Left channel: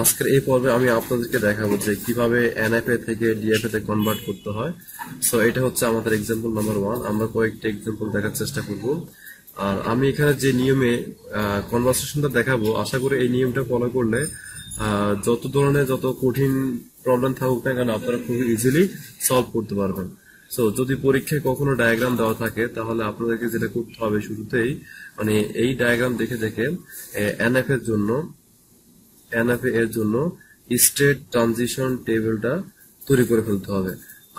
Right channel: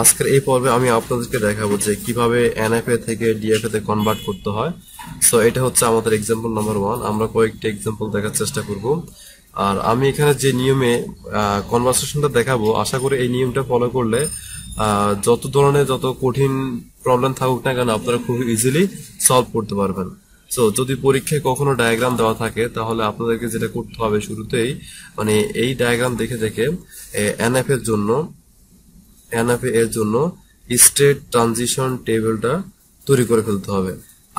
আজকের এই পর্বে আমি আপনাদেরকে দেখাবো যে কিভাবে এনএফএ থেকে ডিএফএ তে কনভার্ট করতে হয়। সো এটা হচ্ছে আমাদের এক্সাম্পল নাম্বার 1। আমরা কয়েকটি এক্সাম্পল দেখার চেষ্টা করব। আর আমি এখানে যে নিয়মে কনভার্সেশনটা দেখাবো, আশা করি এই নিয়মটা ফলো করলে যত ধরনের যত কঠিন প্রবলেম থাকুক না কেন আপনারা খুব ইজিলি সলভ করতে পারবেন। সো যদি পরীক্ষায় কখনো ডায়াগ্রাম দেওয়া থাকে তাহলে আপনাদেরকে যেটা করতে হবে শুরুতেই, মানে এই ডায়াগ্রাম দেখে দেখে এনএফএ এর জন্য স্টেট ট্রানজিশন টেবিলটা তৈরি করে ফেলতে হবে।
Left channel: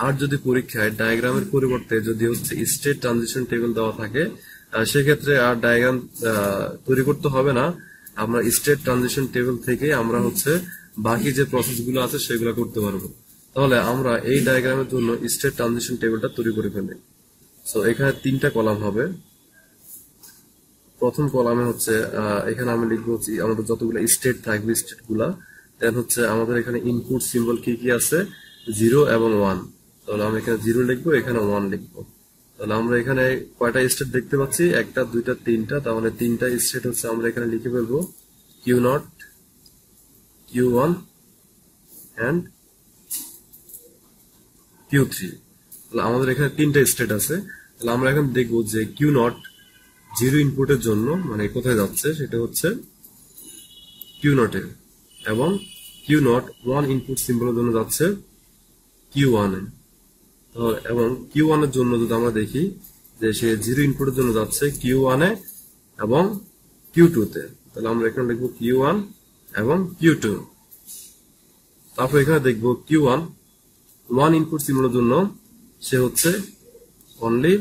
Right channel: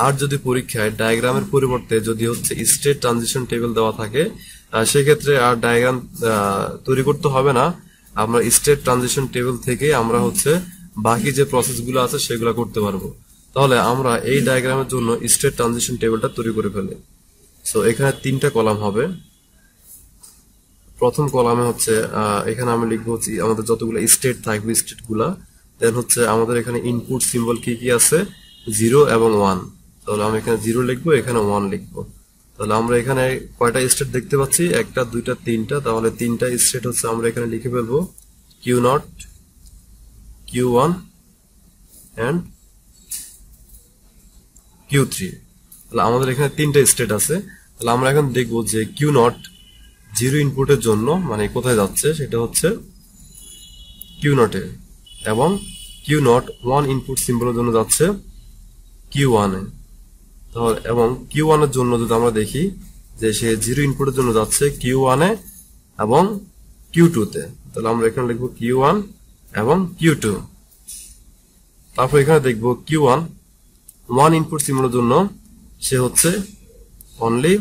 আর যদি পরীক্ষায় ডায়াগ্রামের পরিবর্তে যদি হচ্ছে স্টেট ট্রানজিশন টেবিল দেওয়া থাকে, সেক্ষেত্রে আর ডায়াগ্রাম তৈরি করতে হবে না। আমরা স্টেট ট্রানজিশন টেবিল থেকে আমরা হচ্ছে বাকি যে প্রসেসগুলো আছে সেগুলো করতে পারবো। তাহলে আমরা এই ডায়াগ্রামের জন্য স্টেট ট্রানজিশন টেবিলটা তৈরি করে ফেলি। সো এখানে 3টা কলাম হবে। প্রথম কলামে হচ্ছে এখানে আমি লিখবো হচ্ছে আমাদের যতগুলো স্টেট থাকবে স্টেট গুলা, দেন হচ্ছে আমাদের এখানে ইনপুট সিম্বল কি কি আছে, 0 এবং 1। তাহলে আমি এখানে 0 লিখবো, এখানে 1 লিখবো। তাহলে আমরা এখানে কয়টা স্টেট দেখতে পাচ্ছি, 1টা 2টা 3টা। তাহলে 3টা স্টেট হচ্ছে আমরা এখানে লিখে ফেলবো Q0, Q1 এন্ড Q3। তাহলে আমাদের এখানে 3টা স্টেট আছে। তাহলে আমরা এখন দেখবো যে Q0 0 ইনপুটের জন্য মানে কোথায় যাচ্ছে, সেটা হচ্ছে Q0 এ, এবং Q0 1 ইনপুট সিম্বলের জন্য যাচ্ছে Q1 এ। তাহলে এবং Q1 এর জন্য যদি আমরা দেখি যে সে 0 ইনপুটের জন্য যাচ্ছে Q1 এ এবং Q2 তে। তাহলে আমরা এখানে লিখবো Q1 এবং Q2। তারপর এখানে দেখবো Q1 1 ইনপুট সিম্বলের জন্য সে হচ্ছে অনলি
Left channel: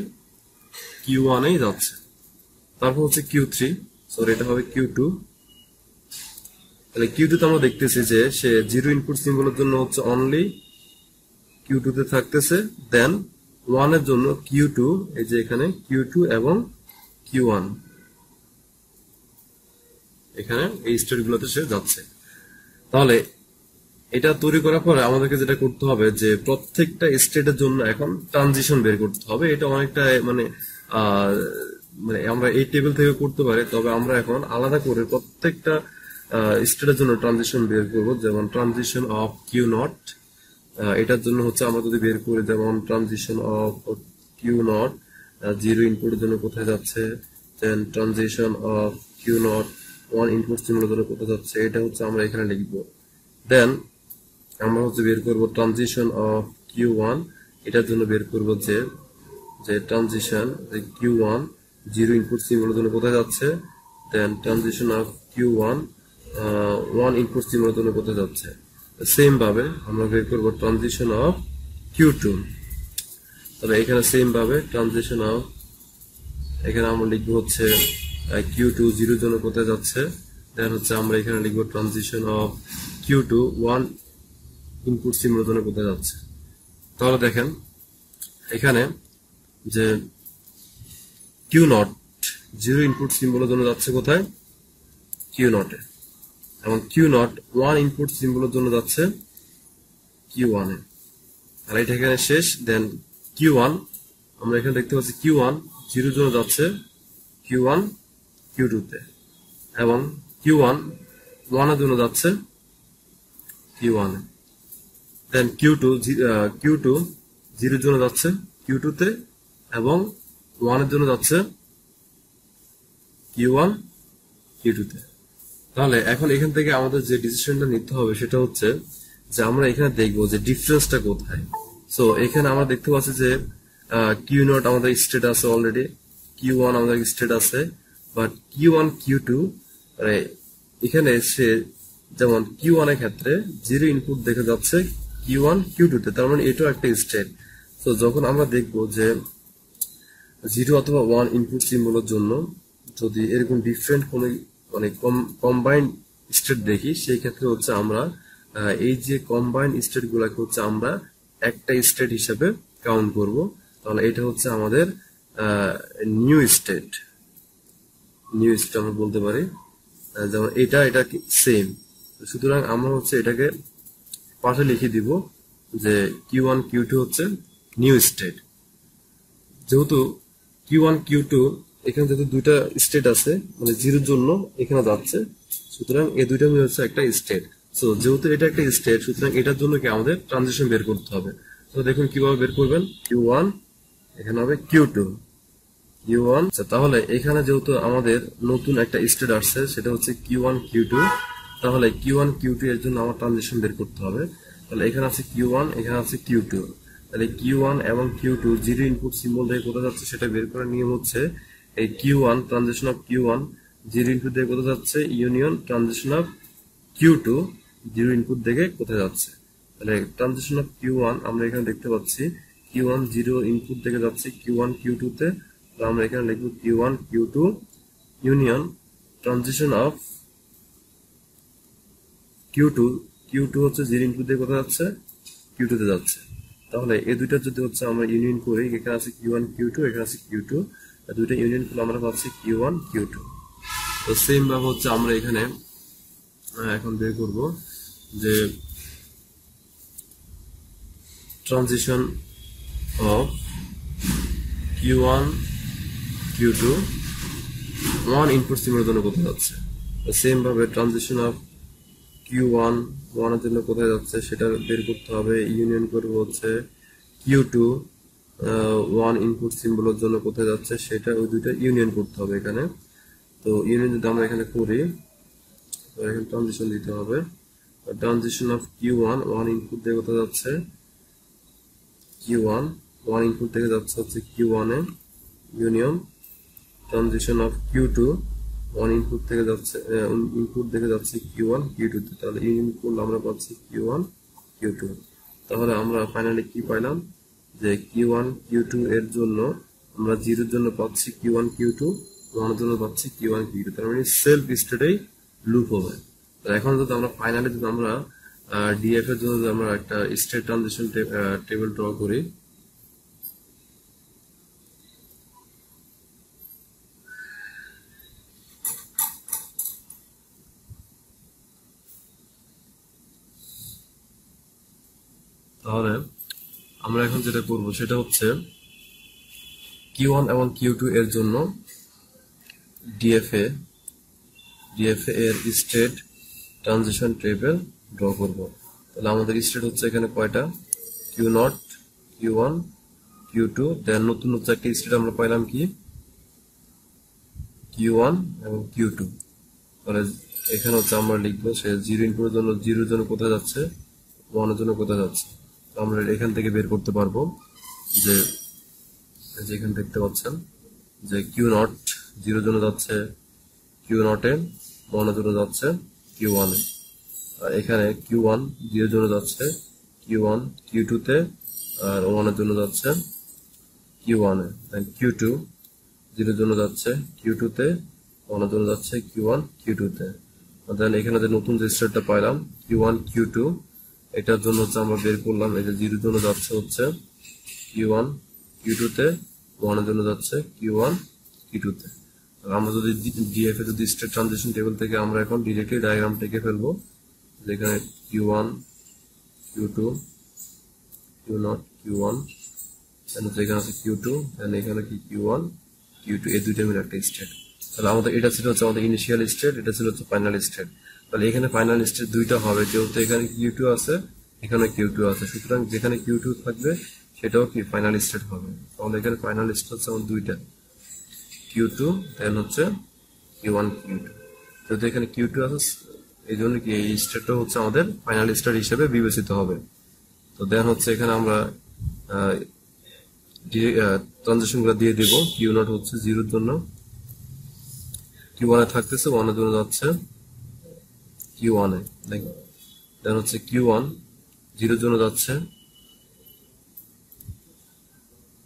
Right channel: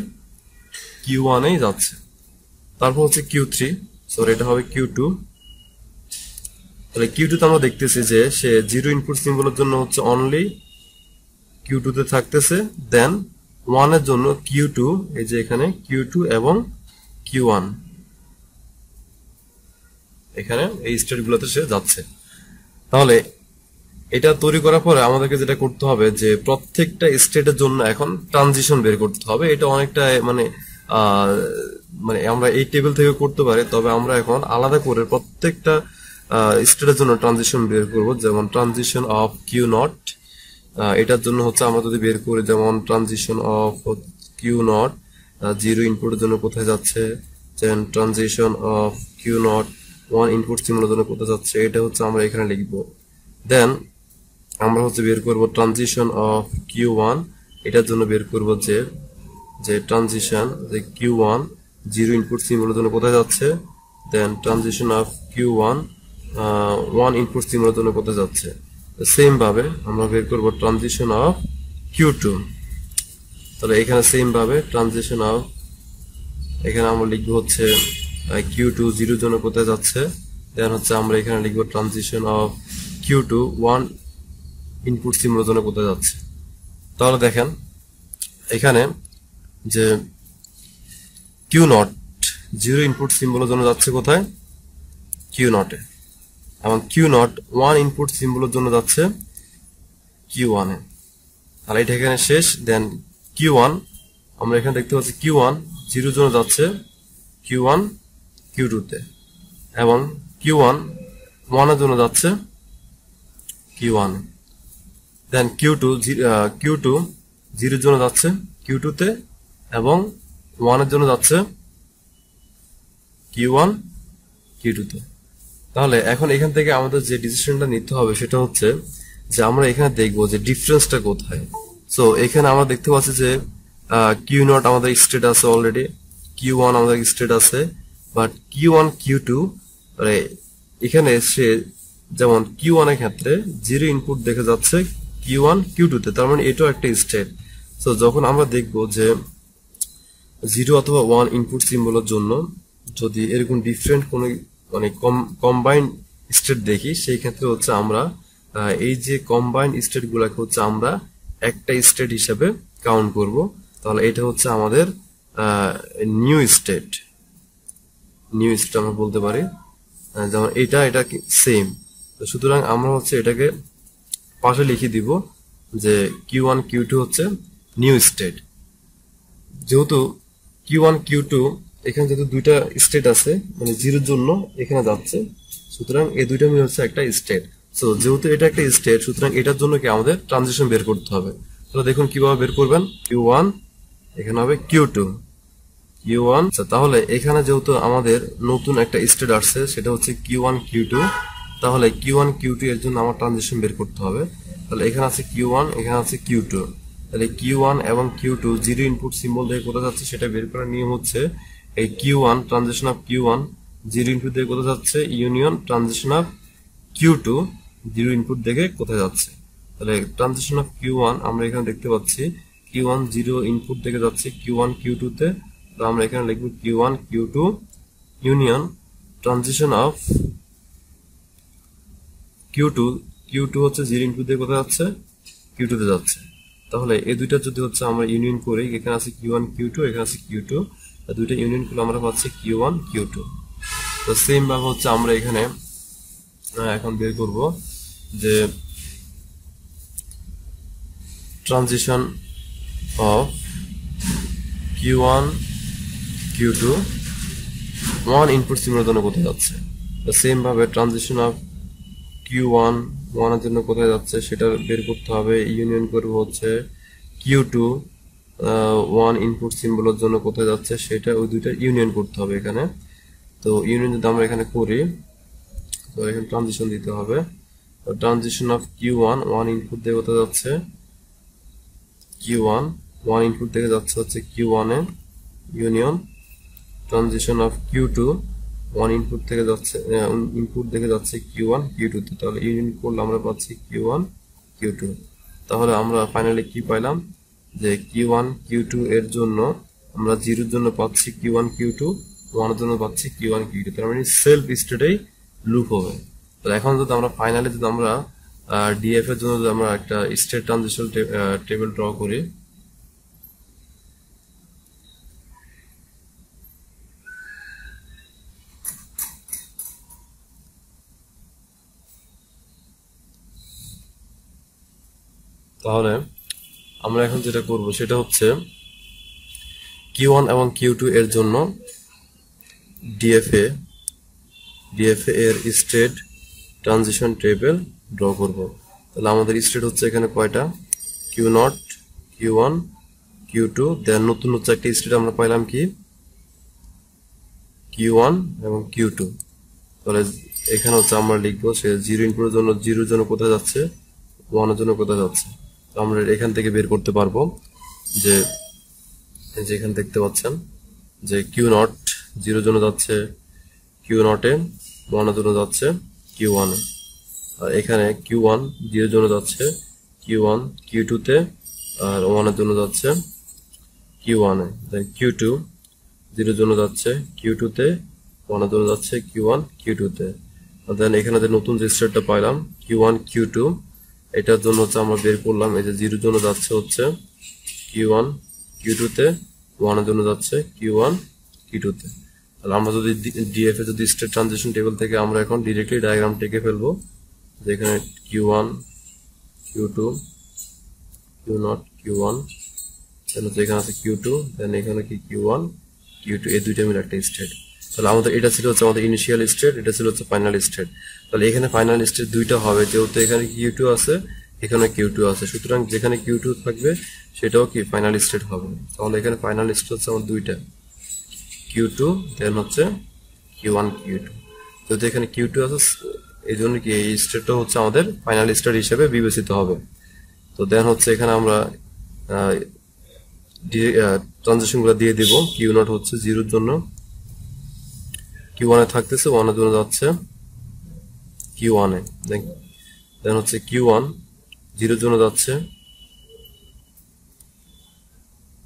Q1 এই যাচ্ছে। তারপর হচ্ছে Q3, সরি এটা হবে Q2। তাহলে Q2 তে আমরা দেখতেছি যে সে 0 ইনপুট সিম্বলের জন্য হচ্ছে অনলি Q2 তে থাকতেছে, দেন 1 এর জন্য Q2, এই যে এখানে Q2 এবং Q1 এখানে এই স্টেট গুলোতে সে যাচ্ছে। তাহলে এটা তৈরি করার পরে আমাদেরকে যেটা করতে হবে যে প্রত্যেকটা স্টেটের জন্য এখন ট্রানজিশন বের করতে হবে। এটা অনেকটা মানে মানে আমরা এই টেবিল থেকে করতে পারি, তবে আমরা এখন আলাদা করে প্রত্যেকটা স্টেটের জন্য ট্রানজিশন বের করব। যেমন ট্রানজিশন অফ Q0, এটার জন্য হচ্ছে আমরা যদি বের করি, যেমন ট্রানজিশন অফ Q0 0 ইনপুটের জন্য কোথায় যাচ্ছে, দেন ট্রানজিশন অফ Q0 1 ইনপুট সিম্বলের জন্য কোথায় যাচ্ছে, এটা হচ্ছে আমরা এখানে লিখবো। দেন আমরা হচ্ছে বের করব ট্রানজিশন অফ Q1, এটার জন্য বের করব যে ট্রানজিশন যে Q1 0 ইনপুট সিম্বলের জন্য কোথায় যাচ্ছে, দেন ট্রানজিশন অফ Q1 1 ইনপুট সিম্বলের জন্য কোথায় যাচ্ছে। সেম ভাবে আমরা বের করব ট্রানজিশন অফ Q2। তাহলে এখানে সেম ভাবে ট্রানজিশন অফ, এখানে আমরা লিখবো হচ্ছে Q2 0 জন্য কোথায় যাচ্ছে, দেন হচ্ছে আমরা এখানে লিখবো ট্রানজিশন অফ Q2 1 ইনপুট সিম্বলের জন্য কোথায় যাচ্ছে। তাহলে দেখেন এখানে যে Q0 0 ইনপুট সিম্বলের জন্য যাচ্ছে কোথায়, Q0 এ, এবং Q0 1 ইনপুট সিম্বলের জন্য যাচ্ছে Q1 এ। তাহলে এটা এখানে শেষ। দেন Q1 আমরা এখানে দেখতে পাচ্ছি Q1 0 জন্য যাচ্ছে Q1 Q2 তে, এবং Q1 1 এর জন্য যাচ্ছে Q1 এ। দেন Q2 0 জন্য যাচ্ছে Q2 তে, এবং 1 এর জন্য যাচ্ছে Q1 Q2 তে। তাহলে এখন এখান থেকে আমাদের যে ডিসিশনটা নিতে হবে সেটা হচ্ছে যে আমরা এখানে দেখবো যে ডিফারেন্সটা কোথায়। সো এখানে আমরা দেখতে পাচ্ছি যে Q0 আমাদের স্টেট আছে অলরেডি, Q1 আমাদের স্টেট আছে, বাট Q1 Q2 মানে এখানে সে যেমন Q1 এর ক্ষেত্রে 0 ইনপুট দেখে যাচ্ছে Q1 Q2 তে, তার মানে এটাও একটা স্টেট। সো যখন আমরা দেখবো যে 0 অথবা 1 ইনপুট সিম্বলের জন্য যদি এরকম ডিফারেন্ট কোনো মানে কম্বাইন্ড স্টেট দেখি, সেই ক্ষেত্রে হচ্ছে আমরা এই যে কম্বাইন্ড স্টেট গুলাকে হচ্ছে আমরা একটা স্টেট হিসেবে কাউন্ট করব। তাহলে এটা হচ্ছে আমাদের নিউ স্টেট আমরা বলতে পারি। যেমন এটা সেম, সুতরাং আমরা হচ্ছে এটাকে পাশে লিখে দিব যে Q1 Q2 হচ্ছে নিউ স্টেট। যেহেতু Q1 Q2 এখানে যেহেতু দুইটা স্টেট আছে, মানে 0 জন্য এখানে যাচ্ছে, সুতরাং এই দুইটা মিলে হচ্ছে একটা স্টেট। সো যেহেতু এটা একটা স্টেট, সুতরাং এটার জন্য কি আমাদের ট্রানজিশন বের করতে হবে। তাহলে দেখুন কিভাবে বের করবেন। Q1 এখানে হবে Q2, Q1। তাহলে এখানে যেহেতু আমাদের নতুন একটা স্টেট আসছে, সেটা হচ্ছে Q1 Q2। তাহলে Q1 Q2 এর জন্য আমার ট্রানজিশন বের করতে হবে। তাহলে এখানে আছে Q1, এখানে আছে Q2। তাহলে Q1 এবং Q2 জিরো ইনপুট সিম্বল দিয়ে কোথায় যাচ্ছে সেটা বের করার নিয়ম হচ্ছে এই Q1 transition of Q1 zero input দিয়ে কোথায় যাচ্ছে, union transition of Q2 zero input দেখে কোথায় যাচ্ছে। তাহলে ট্রানজিশন অফ Q1 আমরা এখানে দেখতে পাচ্ছি Q1 জিরো ইনপুট দেখে যাচ্ছে Q1 Q2 তে। তো আমরা এখানে লিখব Q1 Q2 union transition of Q2। Q2 হচ্ছে জিরো ইনপুট দিয়ে কোথায় যাচ্ছে, Q2 তে যাচ্ছে। তাহলে এই দুইটা যদি হচ্ছে আমরা ইউনিয়ন করি, এখানে আছে Q1 Q2, এখানে আছে Q2, দুইটা ইউনিয়ন করলে আমরা পাচ্ছি Q1 Q2। তো সেম ভাবে হচ্ছে আমরা এখানে এখন বের করব যে transition of Q1 Q2 one input সিমের জন্য কোথায় যাচ্ছে। তো সেম ভাবে ট্রানজিশন অফ Q1 ওয়ানের জন্য কোথায় যাচ্ছে সেটা বের করতে হবে। ইউনিয়ন করব হচ্ছে Q2 ওয়ান ইনপুট সিম্বলের জন্য কোথায় যাচ্ছে সেটা, ওই দুইটা ইউনিয়ন করতে হবে এখানে। তো ইউনিয়ন যদি আমরা এখানে করি, তো এখানে ট্রানজিশন দিতে হবে। Transition of Q1 one input দিয়ে কোথায় যাচ্ছে, Q1 ওয়ান ইনপুট থেকে যাচ্ছে হচ্ছে Q1 A, union transition of Q2 one input থেকে যাচ্ছে, ইনপুট দেখে যাচ্ছে Q1 Q2 তে। তাহলে ইউনিয়ন করলে আমরা পাচ্ছি Q1 Q2। তাহলে আমরা ফাইনালি কি পাইলাম যে Q1 Q2 এর জন্য আমরা জিরোর জন্য পাচ্ছি Q1 Q2, ওয়ানের জন্য পাচ্ছি Q1 Q2। তার মানে সেলফ স্টেটেই লুপ হবে। তো এখন যদি আমরা ফাইনালি যদি আমরা ডিএফ এর জন্য যদি আমরা একটা স্টেট ট্রানজিশন টেবিল ড্র করি, তাহলে আমরা এখন যেটা করব সেটা হচ্ছে Q1 এবং Q2 এর জন্য ডিএফএ এর স্টেট ট্রানজিশন টেবিল ড্র করব। তাহলে আমাদের স্টেট হচ্ছে এখানে কয়টা, Q0, Q1, Q2, দেন নতুন হচ্ছে একটা স্টেট আমরা পাইলাম কি Q1 এবং Q2। তাহলে এখানে হচ্ছে আমরা লিখবো সে জিরো ইনপুটের জন্য, জিরোর জন্য কোথায় যাচ্ছে, ওয়ানের জন্য কোথায় যাচ্ছে। তো আমরা এখান থেকে বের করতে পারবো যে এখানে দেখতে পাচ্ছেন যে Q0 জিরোর জন্য যাচ্ছে Q0 এ, ওয়ানের জন্য যাচ্ছে Q1 এ। আর এখানে Q1 জিরোর জন্য যাচ্ছে Q1 Q2 তে, আর ওয়ানের জন্য যাচ্ছে Q1 এ। দেন Q2 জিরোর জন্য যাচ্ছে Q2 তে, ওয়ানের জন্য যাচ্ছে Q1 Q2 তে। আর দেন এখানে যে নতুন যে স্টেটটা পাইলাম Q1 Q2, এটার জন্য হচ্ছে আমরা বের করলাম এই যে জিরোর জন্য যাচ্ছে হচ্ছে Q1 Q2 তে, ওয়ানের জন্য যাচ্ছে Q1 Q2 তে। আর আমরা যদি ডিএফ এ যদি স্টেট ট্রানজিশন টেবিল থেকে আমরা এখন ডিরেক্টলি ডায়াগ্রাম টেকে ফেলবো, যেখানে Q1 Q2 Q0 Q1, এখানে আছে Q2, দেন এখানে কি Q1 Q2, এই দুইটা মিলে একটা স্টেট। তাহলে আমাদের এটা ছিল হচ্ছে আমাদের ইনিশিয়াল স্টেট, এটা ছিল হচ্ছে ফাইনাল স্টেট। তাহলে এখানে ফাইনাল স্টেট দুইটা হবে, যেহেতু এখানে Q2 আছে, এখানে Q2 আছে, সুতরাং যেখানে Q2 থাকবে সেটাও কি ফাইনাল স্টেট হবে। তাহলে এখানে ফাইনাল স্টেট হচ্ছে আমাদের দুইটা, Q2 দেন হচ্ছে Q1 Q2। যেহেতু এখানে Q2 আছে, এই জন্য কি এই স্টেটটা হচ্ছে আমাদের ফাইনাল স্টেট হিসেবে বিবেচিত হবে। তো দেন হচ্ছে এখানে আমরা ট্রানজিশন গুলো দিয়ে দিব। Q0 হচ্ছে জিরোর জন্য Q1 এ থাকতেছে, ওয়ানের জন্য যাচ্ছে Q1 এ। দেন হচ্ছে Q1 জিরোর জন্য যাচ্ছে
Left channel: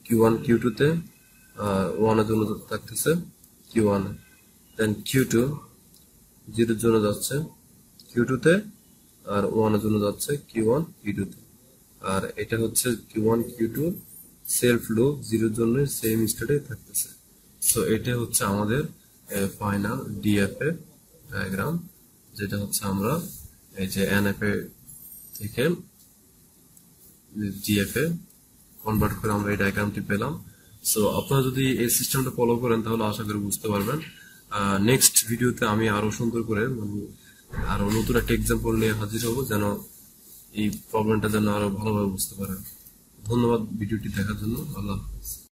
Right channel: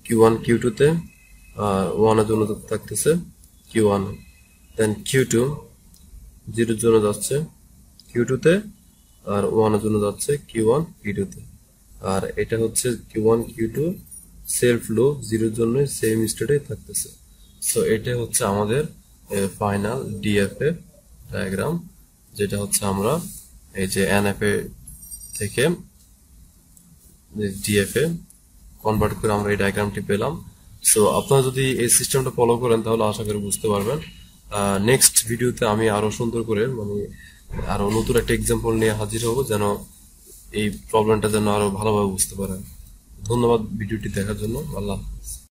Q1 Q2 তে, আর ওয়ানের জন্য থাকতেছে Q1 এ। দেন Q2 জিরোর জন্য যাচ্ছে Q2 তে, আর ওয়ানের জন্য যাচ্ছে Q1 Q2 তে। আর এটা হচ্ছে Q1 Q2 সেলফ লুপ, জিরোর জন্য সেম স্টেটে থাকতেছে। সো এটা হচ্ছে আমাদের ফাইনাল ডিএফএ ডায়াগ্রাম, যেটা হচ্ছে আমরা এই যে এনএফএ থেকে ডিএফএ কনভার্ট করে আমরা এই ডায়াগ্রামটি পেলাম। সো আপনারা যদি এই সিস্টেমটা ফলো করেন তাহলে আশা করি বুঝতে পারবেন। নেক্সট ভিডিওতে আমি আরো সুন্দর করে মানে আরো নতুন একটা এক্সাম্পল নিয়ে হাজির হব, যেন এই প্রবলেমটা যেন আরো ভালোভাবে বুঝতে পারেন। ধন্যবাদ ভিডিওটি দেখার জন্য। আল্লাহ হাফেজ।